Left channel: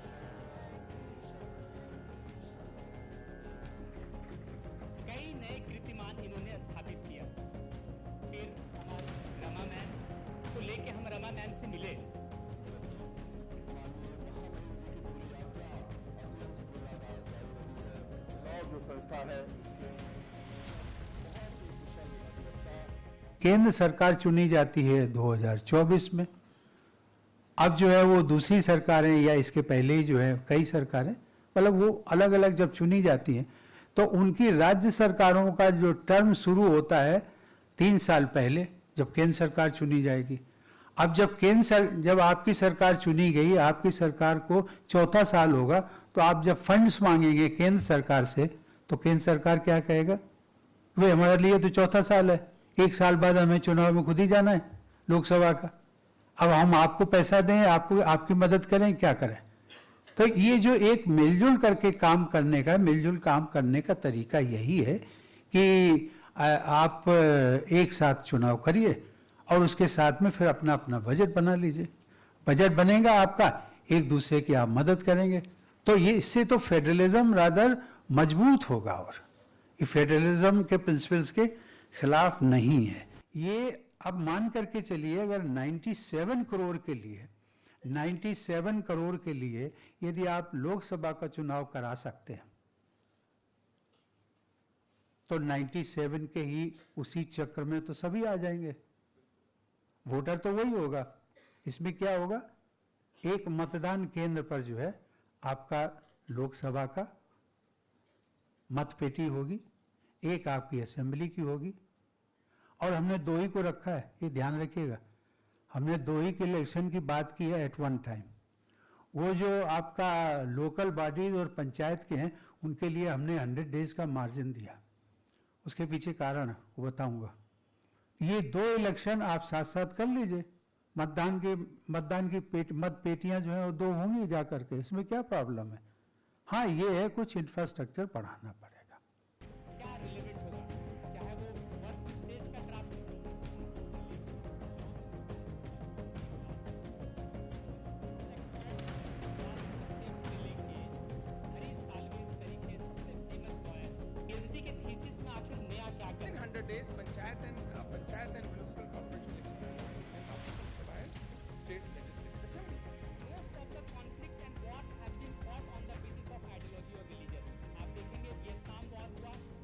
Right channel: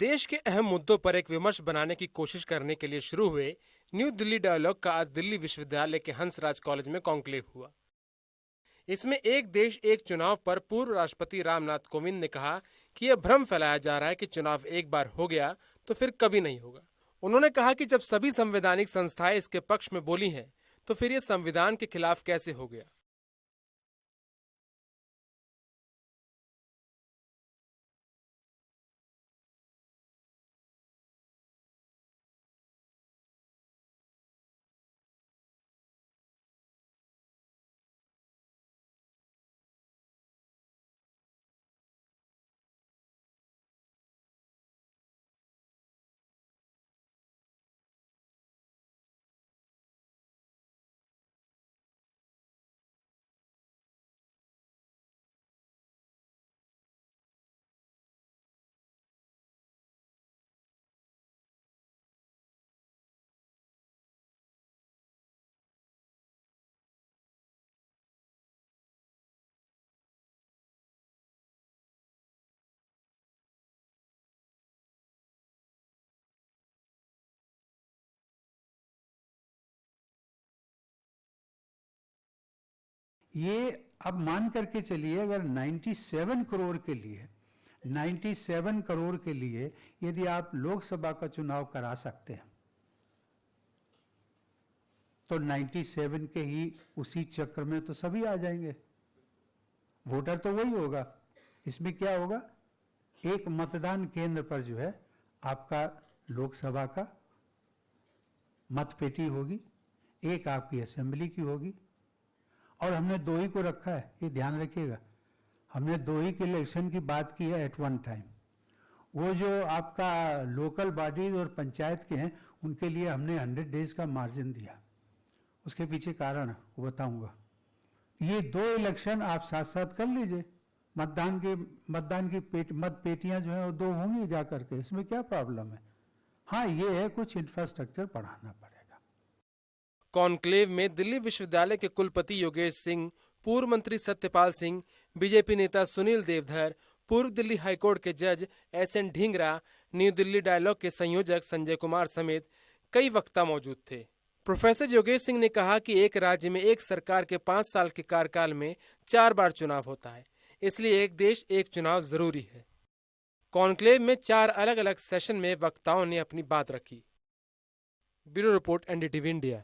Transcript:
देश के अहम मुद्दों पर एक विमर्श बनाने की कोशिश करने के लिए शुरू हुए न्यू दिल्ली डायलॉग का आज दिल्ली विश्वविद्यालय के हंसराज कॉलेज में कॉन्क्लेव हुआ। इसमें एक देश एक चुनाव पर पूर्व राष्ट्रपति रामनाथ कोविंद ने कहा कि यह भ्रम फैलाया जा रहा है कि चुनाव एक बार हो गया तो फिर कभी नहीं होगा। उन्होंने कहा कि जब सभी संवैधानिक संस्थाएं इसके पक्ष में बोली हैं, तो फिर ये संविधान के खिलाफ कैसे हो गया। केंद्र सरकार चुनी जाती है 2024 में। अब जो है वो दूसरी सरकारें या इसके पहले ही जो है कई सरकारें, मतलब वो अलग अलग जब चुनी जाती हैं तो उनकी राज्य सरकारों का जो टर्म शुरू होता है 3 साल पहले, जब केंद्र सरकार चुनी जाएगी। अब जब आपकी सरकार चुनी गई, आपकी सरकार को चौथा साल होगा, तो आप जब फंड्स मांगेंगे केंद्र सरकार से तो केंद्र सरकार क्या कहेगा, भाई हमारे लिए तो चौथा साल है, 1 साल बाद हमें चुनाव में खुद ही जाना है लोकसभा का, अब हम आपको पैसा दें, आपकी मदद करें, क्या करें। तो ये जो एक मिलजुल करके काम करने का, मिलजुल काम करने का तरीका यही है कि आप एक साथ चुनाव करिए और उसके साथ में फिर अपना अपना बजट बना लीजिए। बजट बनेगा आपका, एक दूसरे की आप मदद करेंगे, तो ये इससे तो फेडरलिज्म रादर मजबूत होगा और ये फेडरलिज्म के प्रिंसिपल्स के खिलाफ नहीं है। ये अब मान करके चलिए, अगर 97 करोड़ के लिए यदि आप लोकसभा का चुनाव करा सकते हैं तो 97 के ही उसी चक्र में तो सभी आ जाएंगे, वोटर तो वही होगा। इसमें क्या होगा, एक मतदान केंद्र पर जो है आपका लोकसभा का मतपेटी होगी, एक आपकी असेंबली की होगी, और हमने 2 ही को रखा है, ये ध्यान रखिएगा। हमने 2 ही के इलेक्शन की बात की है एट वन टाइम। वो जो आपका लोकल बॉडीज और पंचायत के हैं उनके लिए हमने 100 डेज का मार्जिन दिया, उसके पीछे कारण है वो बताऊंगा। ये 2 इलेक्शन आप साथ साथ कर लीजिए, मतदान की मत पेटियां जो है वो 2 होंगी जा करके, इसमें क्या प्रॉब्लम है। हाँ, ये है कुछ इंफ्रास्ट्रक्चर बढ़ाना पड़ेगा। कॉन्क्लेव में दिल्ली विश्वविद्यालय के कुलपति योगेश सिंह, पूर्व मंत्री सत्यपाल सिंह, बीजेपी नेता सुनील देवधर, पूर्व दिल्ली हाईकोर्ट के जज SN Dhingra, new Delhi dialogue के संयोजक संजय कुमार समेत कई वक्ता मौजूद थे। प्रोफेसर योगेश सिंह ने कहा कि एक राज्य में एक सरकार के 5 साल के कार्यकाल में 4 बार चुनाव होता है, इसलिए एक देश एक चुनाव जरूरी है। कॉन्क्लेव में 4 अलग अलग सेशन में वक्ताओं ने अपनी बात रखी। Bureau report NDTV India.